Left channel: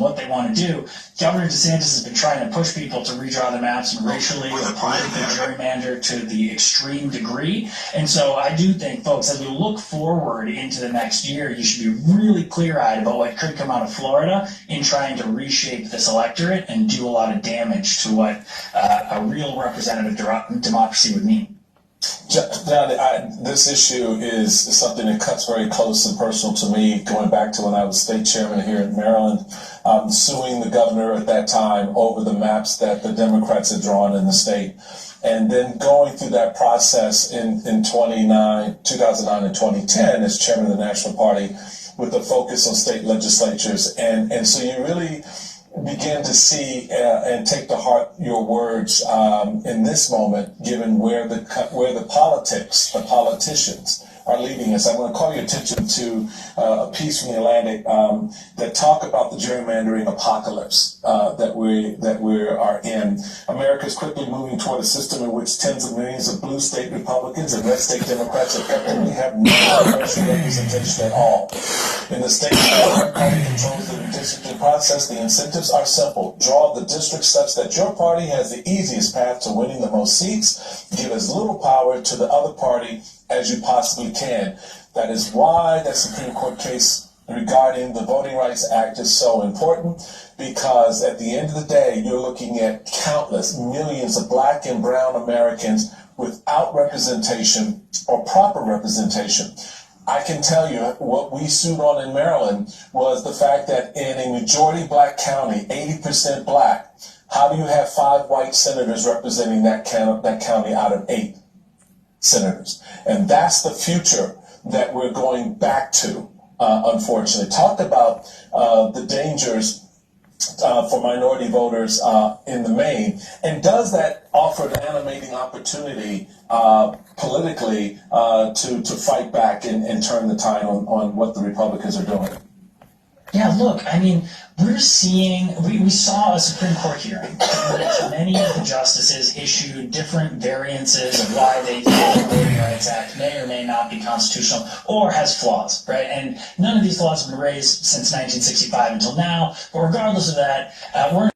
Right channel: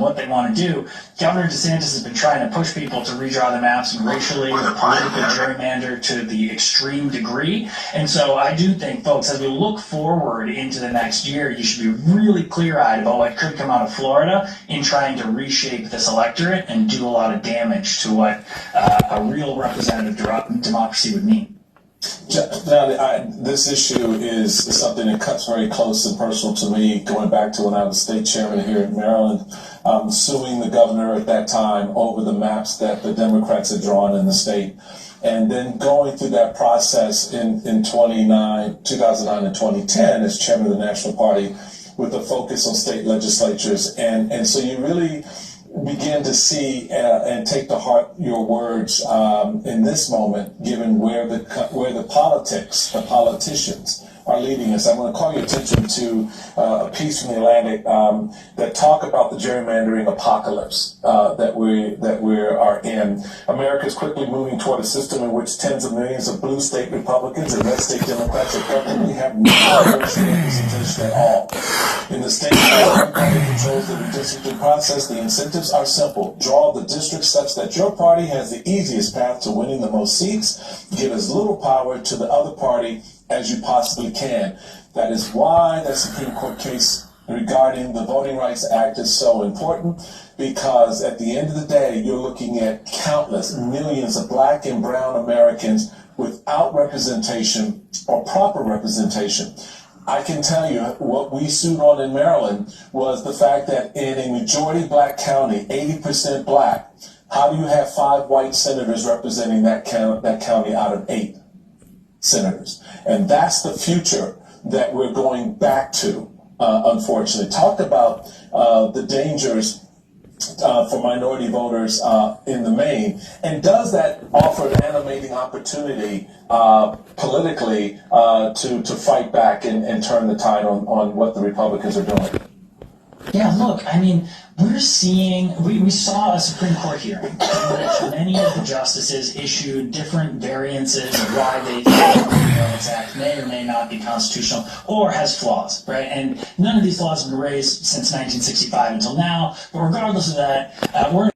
what they want to do. Governor DeSantis has been trying to push people to redraw the maps and racially politically gerrymander to the extreme degree. And so I do think, folks, as we look forward into the next year, you should be really clear-eyed about what could come out of Florida in trying to reshape this electorate and do a lot of damage to what a real representative democracy would mean. Now, this issue is something that cuts very close and personal to me, going back to when I was state chairman here in Maryland, suing the governor at that time over the maps that the Democrats had drawn in the state. And then going through that process in 2009 and 2010 as chairman of the National Party with a focus on state legislatures. And so you really begin to see and take to heart your words in this moment, given where the politicians are leading us. I'm going to call your attention to a piece from the Atlantic that talk about the gerrymandering apocalypse that we are in. America is quickly moving toward a system in which tens of millions of blue state Republicans and red state Democrats effectively have no representation at all. In the state that controls the redistricting process, the incentives are simple. Draw the districts such that your party has the easiest path to winning the most seats. Give as little power to the other party as you possibly can. That is why the Supreme Court case regarding the Voting Rights Act is so important, because at the end of the day, you're looking at countless millions of black and brown Americans without representation or proper representation. I can tell you what we sued on in Maryland was the fact that in a majority black county, 80% black, how do you have 5 white senators representing that county out of 8 senators? And that's the future that we're going back to, unfortunately. Talk about the dangers for minority voters in the main. And does that offer an animating opportunity politically to fight back and turn the tide on what the Republicans are doing? Yeah, look, I mean, we saw a Supreme Court hearing in which many of the justices issued different variances of why they think the Voting Rights Act may or may not be constitutional or has flaws, right? And none of these flaws have been raised since 1965 until now, but regardless of that, we're